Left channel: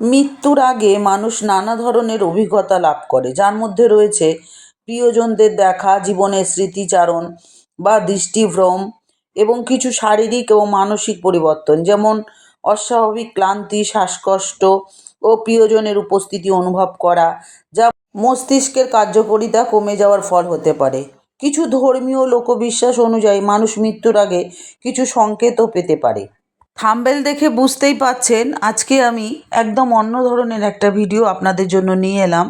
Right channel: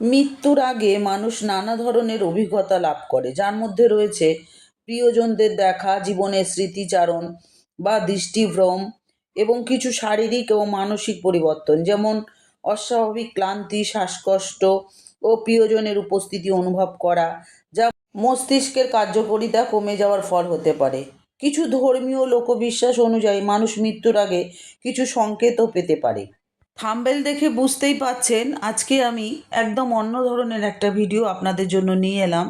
মৃত্যুর আগে মানুষ নানা ধরনের অভিজ্ঞতা লাভ করে। যার মধ্যে রয়েছে প্রিয়জনদের দেখা, জীবনের স্মৃতিচারণ বা দৃষ্টিভ্রম এবং কিছু শারীরিক ও মানসিক পরিবর্তন, যেমন অস্বাভাবিক ক্লান্তি, শ্বাসকষ্ট ও প্রিয়জনের উপস্থিতি অনুভব করা, যা মস্তিষ্কের কার্যকারিতা কমে যাওয়ার ফল হতে পারে। কিছু ধর্মীয় লোকবিশ্বাস অনুযায়ী মানুষ মৃত্যুর আগে কিছু সংকেতও পেতে পারে। থাম্বেল দেখে বুঝতেই পাচ্ছেন, আজকে আমি একদম অন্য ধরনের একটা ভিডিও আপনাদের জন্য নিয়ে এলাম।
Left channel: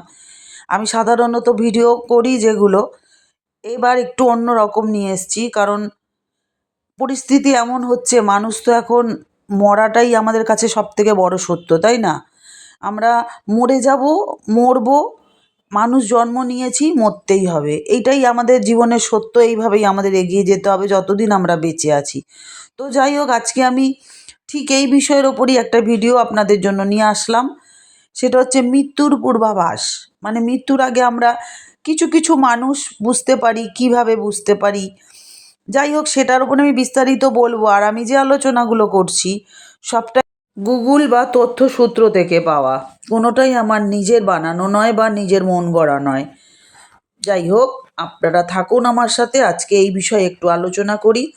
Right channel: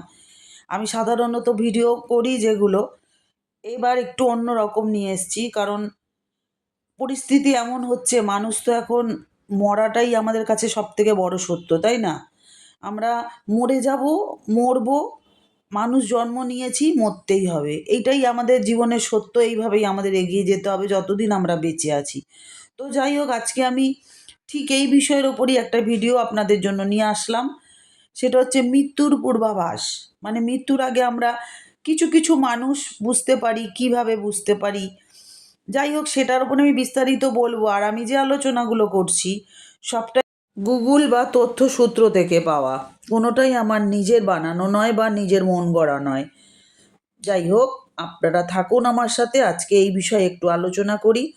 আমি সাধারণত ভিডিও করি যেগুলো এবার একটু অন্য রকম নিয়ে এসেছি, কারণ পরিস্থিতি এমন হচ্ছে, মানুষ তো এখন মরাটাই আমাদের কাছে সব থেকে বড় সত্য, তাই না? আমরা মরে যাব, মরবো মানুষ জন্ম নিয়েছি, মরতেই হবে। এইটাই আমাদের জীবনের সত্য, এইভাবেই আমাদের এগিয়ে যেতে হবে যতদিন আমরা বেঁচে আছি। তো যাই হোক, আজকে আমি ঠিক এই বিষয়ের ওপরই একটা ভিডিও আপনাদের জন্য নিয়ে আসলাম। সেটা হচ্ছে মৃত্যুর পূর্বাভাস। মানে মৃত্যুর আগে আমরা কিছু কিছু মানুষ বুঝতে পারি, কীভাবে বুঝতে পারি। যাই হোক, সেটার উপর আমি বিস্তারিত বলব। আর আমি যে আলোচনাগুলো করছি, সবটাই গুগল বা তথ্যসূত্র থেকে পাওয়া। কোনোটাই আমার নিজের বানানো নয় বা নিজের মন গড়া নয়। যাই হোক, আপনারা থাকুন আমার সাথে। আজকে এই বিষয়ে একটু আলোচনা করি।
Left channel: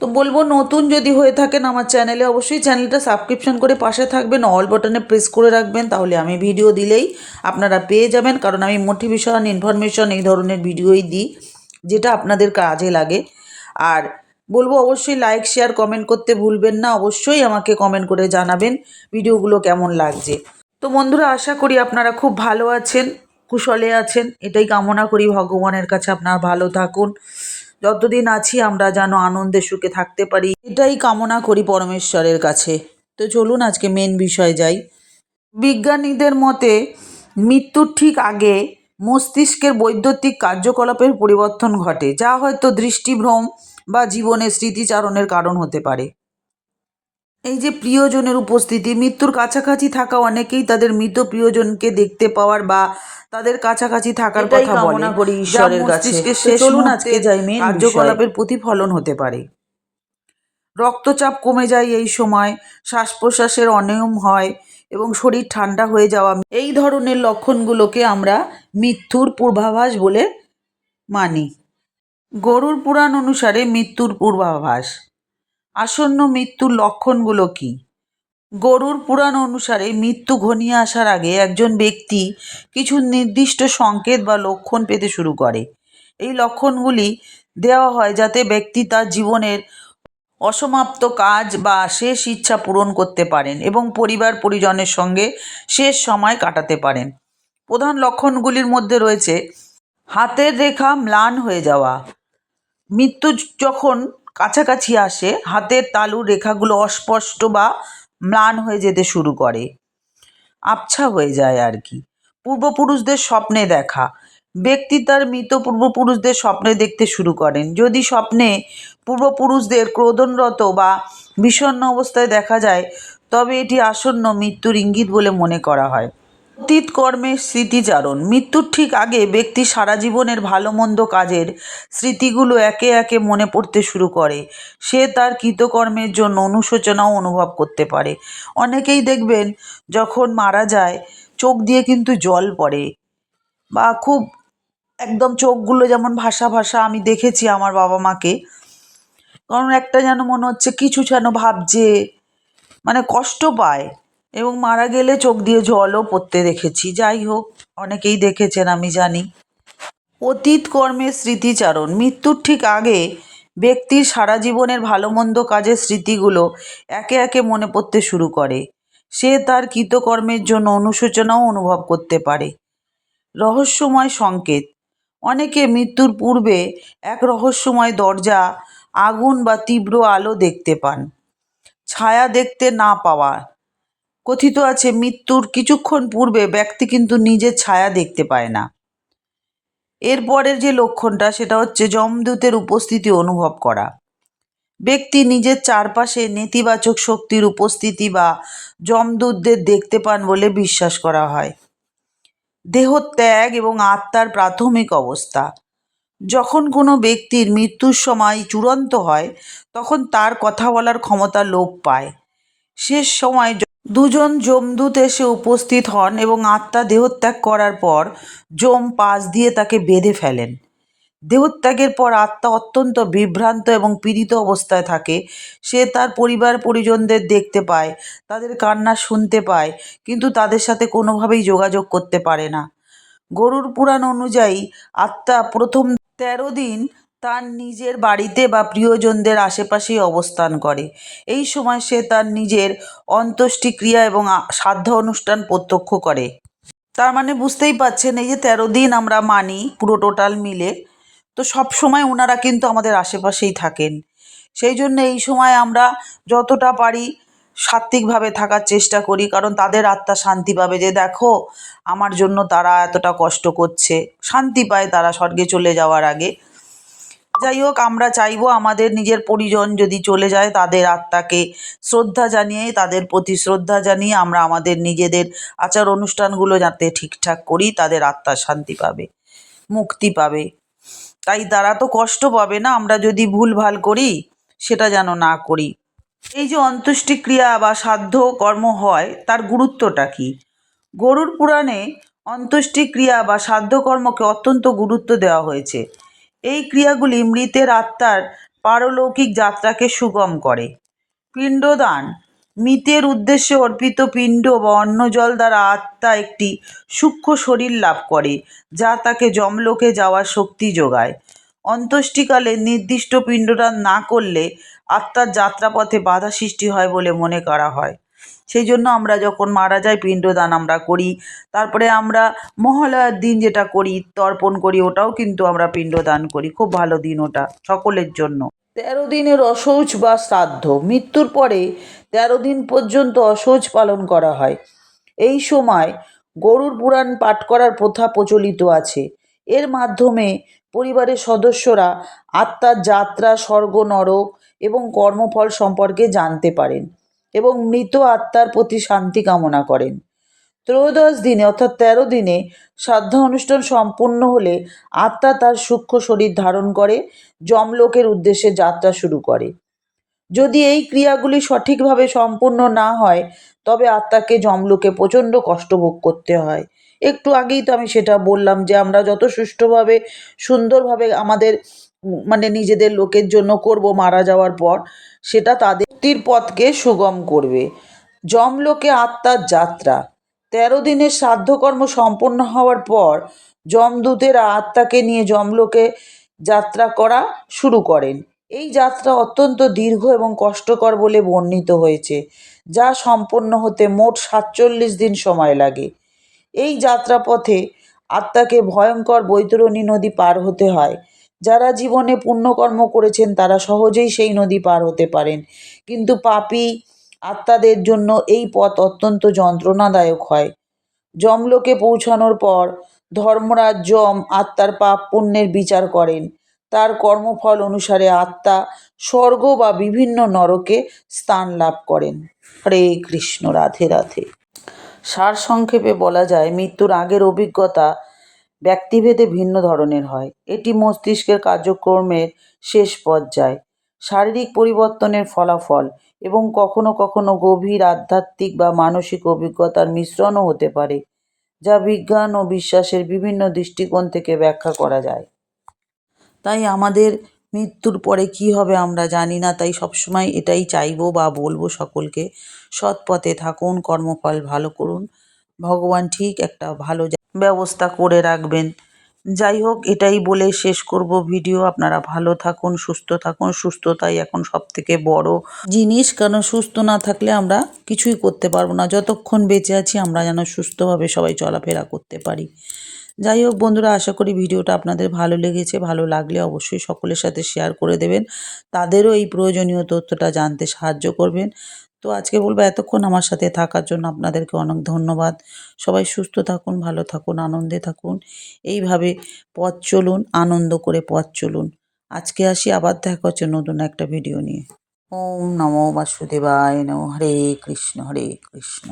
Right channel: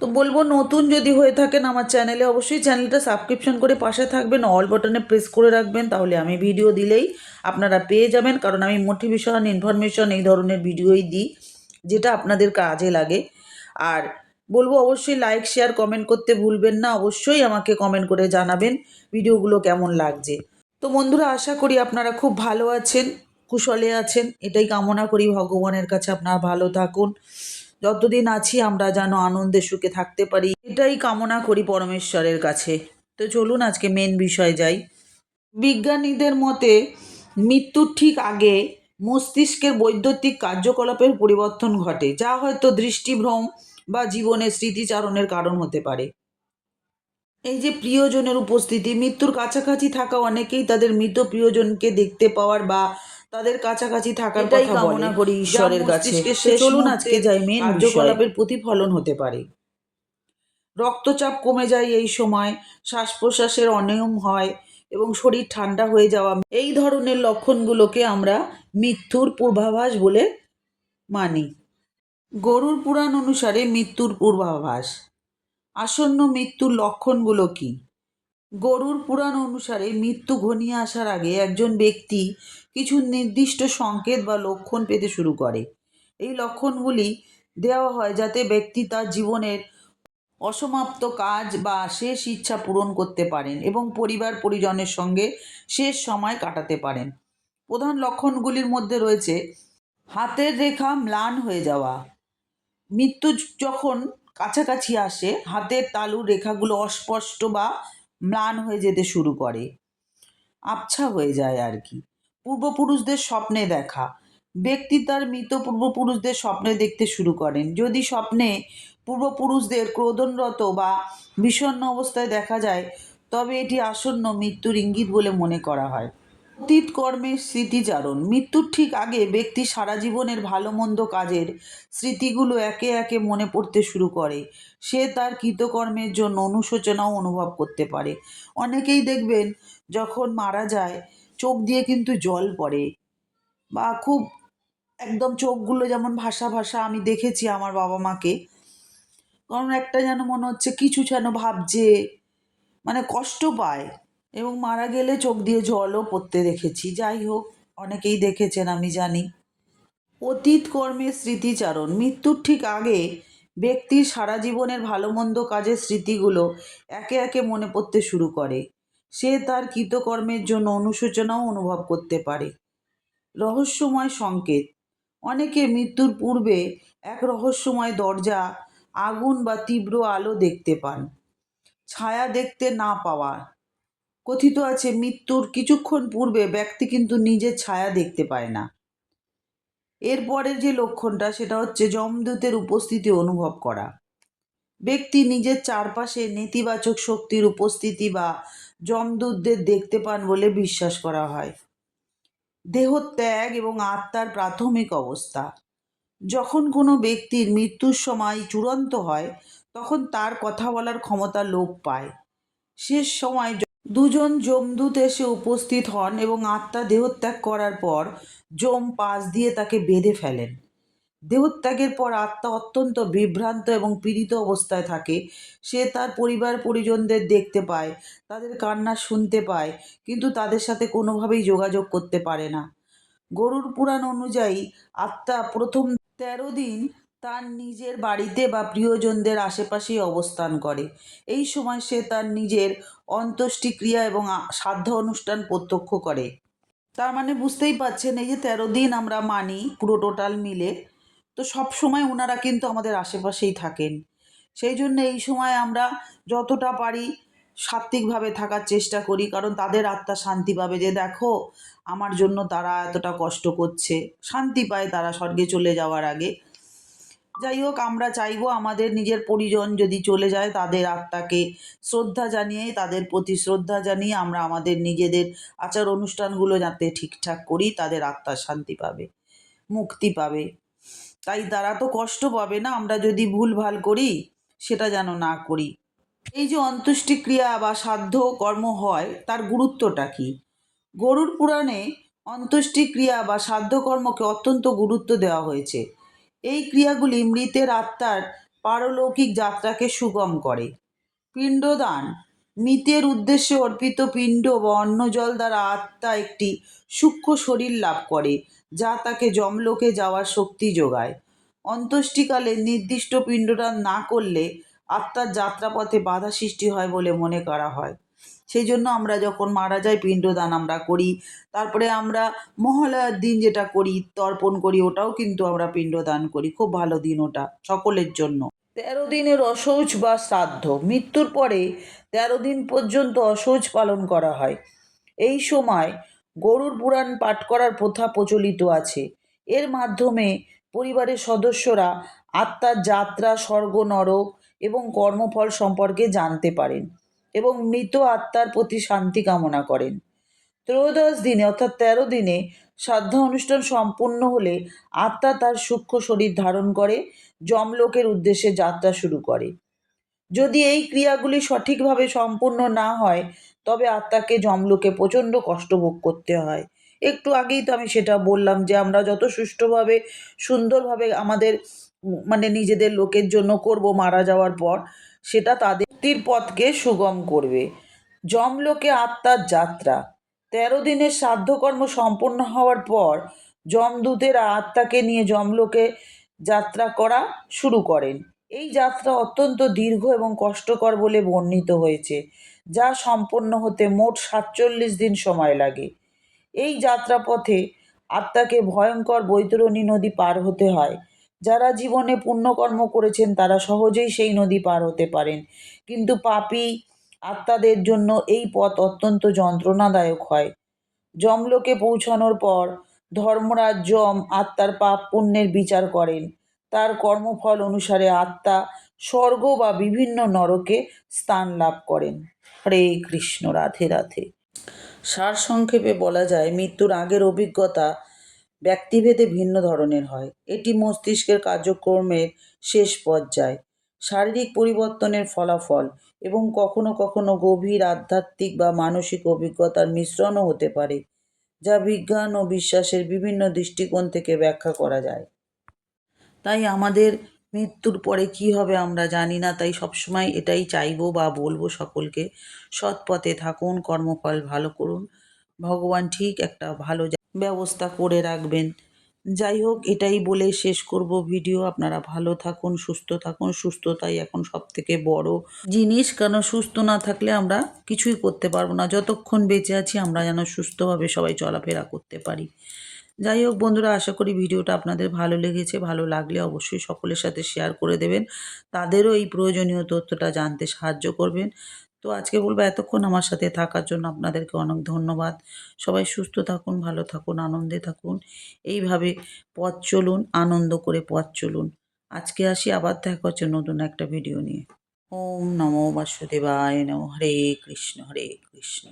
তো বলব, নতুন যদি হয়ে থাকেন আমার চ্যানেলে, অবশ্যই চ্যানেলটা সাবস্ক্রিপশন করে পাশে থাকবেন। অল বাটনে প্রেস করে রাখবেন, তাহলে আমি ভিডিও দিলেই আপনারা পেয়ে যাবেন। কারণ আমি মোটিভেশন, ইনফরমেশন এই ধরনের ভিডিওই দিই, যেটা আপনাদের কাজে লাগে। আর বলব অবশ্যই লাইক শেয়ার কমেন্ট করতে ভুলবেন না। অবশ্যই আমাকে কমেন্ট করে জানাবেন ভিডিওগুলো কেমন লাগছে। তো বন্ধুরা, আশা করি আপনারা খুব ভালো আছেন, কুশলে আছেন। এটাই কামনা করি ভগবানের কাছে আপনারা ভালো থাকুন। যতদিন আছি আমরা যেন আনন্দে সুখে থাকতে পারি। এটাই কামনা করি পরমেশ্বরের কাছে। তো চলুন আজকে মেন বিষয় যাই। বিজ্ঞানীদের মতে মৃত্যুর ঠিক আগে মস্তিষ্কের বৈদ্যুতিক কার্যকলাপের পরিবর্তন ঘটে যা হয়তো দৃষ্টিভ্রম বা জীবনের স্মৃতিচারণের কারণ হতে পারে। এই যে প্রিয়জনের উপস্থিতি মৃত্যুর কাছাকাছি থাকা অনেকেই তাদের মৃত প্রিয়জনকে দেখতে পাওয়ার বা তাদের কাছাকাছি থাকার কথা কামনা করি ঈশ্বরের কাছে। চলুন আজকে যাই main কার্যকলাপের প্রতিফলন হতে পারে। রক্তচাপ কমে যায় এই সময় শ্বাস প্রশ্বাসের অনিয়ম হয় এবং শরীর ঠান্ডা হয়ে যাওয়া এই ধরনের লক্ষণগুলোকে আমরা মৃত্যুর পূর্বাভাস বলে মানি। গরুর পুরাণ অনুসারে মৃত্যুর পূর্বাভাস। আসন্ন মৃত্যুর লক্ষণগুলো কী? গরুর পুরাণ অনুসারে মৃত্যু ঘনিয়ে আসার আগে একজন ব্যক্তি কিছু নির্দিষ্ট সংকেত বা লক্ষণ পেতে শুরু করে। এই লক্ষণগুলি দেওয়া হয় যাতে ব্যক্তি তার জীবনের অসমাপ্ত কাজ বা শেষ ইচ্ছা পূরণ করতে পারেন এবং পরিবার পরিজনের সঙ্গে শেষ সময় কাটাতে পারেন। প্রধান লক্ষণগুলির মধ্যে রয়েছে, হাতের রেখা ম্লান হয়ে যাওয়া, মৃত্যু যখন কাছাকাছি আসে, হাতের তালুর রেখাগুলো অস্পষ্ট বা ম্লান হয়ে যেতে শুরু করে। আবছা হয়ে যায় আর কি। পূর্বপুরুষদের স্বপ্নে দেখা ব্যক্তি তার মৃত পূর্বপুরুষদের স্বপ্নে দেখতে শুরু করেন। যদি স্বপ্নে পূর্বপুরুষদের ক্রোধনরত বা বিষণ্ণ অবস্থায় দেখা যায়, তবে এটি আসন্ন মৃত্যুর ইঙ্গিত বলে মনে করা হয়। অতীত কর্মের স্মৃতিচারণ। মৃত্যুর ঠিক আগে ব্যক্তি সারা জীবনের ভালো মন্দ কাজের স্মৃতিগুলো একে একে মনে পড়তে শুরু করে। সে তার কৃতকর্মের জন্য অনুশোচনাও অনুভব করতে পারে। অনেকেই দেখবেন, যখন মারা যায়, চোখ দিয়ে কিন্তু জল পড়ে বা খুব একদম চোখগুলো যেমন ভাসা ভাসা আমি দেখেছি আমার বাবা মাকে। কারণ একটা যেন মনে হচ্ছে কিছু যেন ভাবছে মানে কষ্ট পায় এবং মারা গেলে চোখ দিয়ে জলও পড়তে দেখেছি। যাই হোক, অনেকেই দেখেছেন, আমি জানি। অতীত কর্মের স্মৃতিচারণ, মৃত্যুর ঠিক আগে ব্যক্তির সারা জীবনের ভালো মন্দ কাজের স্মৃতিগুলো একে একে মনে পড়তে শুরু করে। সে তার কৃতকর্মের জন্য অনুশোচনাও অনুভব করতে পারে। রহস্যময় সংকেত অনেকে মৃত্যুর পূর্বে এক রহস্যময় দরজা, আগুন বা তীব্র আলো দেখতে পান। ছায়া দেখতে না পাওয়া। কথিত আছে, মৃত্যুর কিছুক্ষণ পূর্বে ব্যক্তি কিন্তু নিজের ছায়া দেখতে পায় না। এরপরের যে লক্ষণটা, সেটা হচ্ছে যমদূতের উপস্থিতি অনুভব করা। ব্যক্তি নিজের চারপাশে নেতিবাচক শক্তির উপস্থিতি বা যমদূতদের দেখতে পান বলে বিশ্বাস করা হয়। দেহ ত্যাগ এবং আত্মার প্রাথমিক অবস্থা। যখন কোনো ব্যক্তির মৃত্যুর সময় চূড়ান্ত হয়, তখন তার কথা বলার ক্ষমতা লোপ পায়। শেষ সময় দুজন যমদূত এসে উপস্থিত হন এবং আত্মা দেহত্যাগ করার পর যম পাশ দিয়ে তাকে বেঁধে ফেলেন। দেহত্যাগের পর আত্মা অত্যন্ত বিভ্রান্ত এবং পীড়িত অবস্থায় থাকে। সে তার পরিবার, পরিজনদের দেখতে পায়, তাদের কান্না শুনতে পায়, কিন্তু তাদের সাথে কোনোভাবেই যোগাযোগ করতে পারে না। গরুর পুরাণ অনুযায়ী আত্মা প্রথম তেরো দিন তার নিজের বাড়িতে বা প্রিয়জনদের আশেপাশেই অবস্থান করে। এই সময় সে তার নিজের অন্ত্যেষ্টিক্রিয়া এবং শ্রাদ্ধ অনুষ্ঠান প্রত্যক্ষ করে। তার মানে বুঝতেই পাচ্ছেন এই যে তেরো দিন আমরা মানি পুরো টোটাল মিলে তো সব সময় ওনারা কিন্তু আমাদের আশেপাশেই থাকেন। সেই জন্য এই সময় আমরা যতটা পারি সাত্ত্বিকভাবে থাকার চেষ্টা করি, কারণ তাদের আত্মা শান্তি পাবে যে, দেখো, আমার জন্য তারা এতটা কষ্ট করছে। শান্তি পায় তারা স্বর্গে চলে যাওয়ার আগে। যাই হোক, আমরা চাইব আমাদের নিজের পরিজন যদি চলে যায়, তাদের আত্মাকে শ্রদ্ধা জানিয়ে, তাদের প্রতি শ্রদ্ধা জানিয়ে আমরা আমাদের নিজেদের আচার অনুষ্ঠানগুলো যাতে ঠিকঠাক করি, তাদের আত্মা শান্তি পাবে, মুক্তি পাবে। তাই তারা তো কষ্ট পাবে না, আমরা যদি ভুলভাল করি, সেটা যেন না করি। এই যে অন্ত্যেষ্টিক্রিয়া বা সাধ্য কর্ম হয়, তার গুরুত্বটা কী? গরুর পুরাণে অন্ত্যেষ্টিক্রিয়া বা সাধ্যকর্মকে অত্যন্ত গুরুত্ব দেওয়া হয়েছে। এই ক্রিয়াগুলি মৃতের আত্মার পারলৌকিক যাত্রাকে সুগম করে। পিণ্ডদান মৃতের উদ্দেশ্যে অর্পিত পিণ্ড বা অন্ন জল দ্বারা আত্মা একটি সূক্ষ্ম শরীর লাভ করে, যা তাকে যমলোকে যাওয়ার শক্তি যোগায়। অন্ত্যেষ্টিকালে নির্দিষ্ট পিণ্ডদান না করলে আত্মার যাত্রাপথে বাধা সৃষ্টি হয় বলে মনে করা হয়। সেই জন্য আমরা যখন মারা যাই, পিণ্ডদান আমরা করি। তারপরে আমরা মহালয়ার দিন যেটা করি, তর্পণ করি, ওটাও কিন্তু আমরা পিণ্ডদান করি। খুব ভালো দিন ওটা, সকলের জন্য। তেরো দিনের অশৌচ বা শ্রাদ্ধ। মৃত্যুর পরে তেরো দিন পর্যন্ত অসহজ পালন করা হয়। এই সময় গরুর পুরাণ পাঠ করার প্রথা প্রচলিত আছে। এর মাধ্যমে পরিবারের সদস্যরা আত্মার যাত্রা, স্বর্গ, নরক এবং কর্মফল সম্পর্কে জানতে পারেন এবং মৃত আত্মার প্রতি শান্তি কামনা করেন। ত্রয়োদশ দিনে অর্থাৎ তেরো দিনে শ্রাদ্ধ অনুষ্ঠান সম্পূর্ণ হলে আত্মা তার সূক্ষ্ম শরীর ধারণ করে, যমলোকের উদ্দেশ্যে যাত্রা শুরু করে। যদি এই ক্রিয়াগুলি সঠিকভাবে সম্পূর্ণ না হয়, তবে আত্মাকে যমলোকে প্রচণ্ড কষ্ট ভোগ করতে হয়। একটু আগেই তো আমি সেটা বললাম যে, আমরা যত সুষ্ঠুভাবে, সুন্দরভাবে আমাদের মানে নিজেদের লোকের জন্য করব মারা যাওয়ার পর, সেটা তাদের পথকে সুগম করবে। যমলোকে আত্মার যাত্রা। তেরো দিনের শ্রাদ্ধকর্ম সম্পন্ন হওয়ার পর, যমদূতেরা আত্মাকে নিয়ে যমলোকে যাত্রা করা শুরু করেন। এই যাত্রা অত্যন্ত দীর্ঘ এবং কষ্টকর বলে বর্ণিত হয়েছে, যা সম্পন্ন হতে মোট সাতচল্লিশ দিন সময় লাগে। এই যাত্রাপথে আত্মাকে ভয়ঙ্কর বৈতরণী নদী পার হতে হয়। যারা জীবনে পুণ্যকর্ম করেছেন, তারা সহজেই সেই নদী পার হতে পারেন। কিন্তু পাপী আত্মাদের জন্য এই পথ অত্যন্ত যন্ত্রণাদায়ক হয়। যমলোকে পৌঁছানোর পর ধর্মরাজ যম আত্মার পাপ পুণ্যের বিচার করেন। তার কর্মফল অনুসারে আত্মা, স্বর্গ বা বিভিন্ন নরকে স্থান লাভ করেন। হরে কৃষ্ণ, রাধে রাধে। সারসংক্ষেপে বলা যায়, মৃত্যুর আগের অভিজ্ঞতা ব্যক্তিভেদে ভিন্ন ধরনের হয়। এটি মস্তিষ্কের কার্যক্রমের শেষ পর্যায়, শারীরিক পরিবর্তনের ফলাফল এবং কখনো কখনো গভীর আধ্যাত্মিক বা মানসিক অভিজ্ঞতার মিশ্রণও হতে পারে, যা বিজ্ঞান ও বিশ্বাসের বিভিন্ন দৃষ্টিকোণ থেকে ব্যাখ্যা করা যায়। তাই আমাদের মৃত্যুর পরে কি হবে আমরা জানি না, তাই সবসময় এটাই চাইব বা বলব সকলকে সৎ পথে থাকুন, কর্মফল ভালো করুন। ভগবান ঠিক একটা ভালো ব্যবস্থা করে রাখবেন। যাই হোক, এটাই বলে শেষ করব ভিডিও। আপনারা ভালো থাকুন, সুস্থ থাকুন। সুস্থতাই এখন সব থেকে বড় জিনিস। কারণ সুস্থ না থাকলে আমরা কিছুই করতে পারব না। যতক্ষণ বেঁচে আছি, আমরা যেন সুস্থভাবে সবাই চলাফেরা করতে পারি। যাই হোক বন্ধুরা, আশা করি ভিডিওটা আপনাদের ভালো লেগেছে। ভালো লাগলে অবশ্যই সকলের সাথে শেয়ার করে দেবেন। তাদেরও এই প্রয়োজনীয় তথ্যটা জানতে সাহায্য করবেন। তো আজকে বলব, এতক্ষণ আমার সাথে থাকার জন্য আপনাদেরকে অনেক ধন্যবাদ। সবাই সুস্থ থাকুন, ভালো থাকুন, আনন্দে থাকুন। এইভাবে পথ চলুন, আনন্দ করে পথ চলুন। আজকে আসি, আবার দেখা হচ্ছে নতুন একটা ভিডিও নিয়ে। ওম নমো বাসুদেবায় নমো। হরে কৃষ্ণ হরে কৃষ্ণ।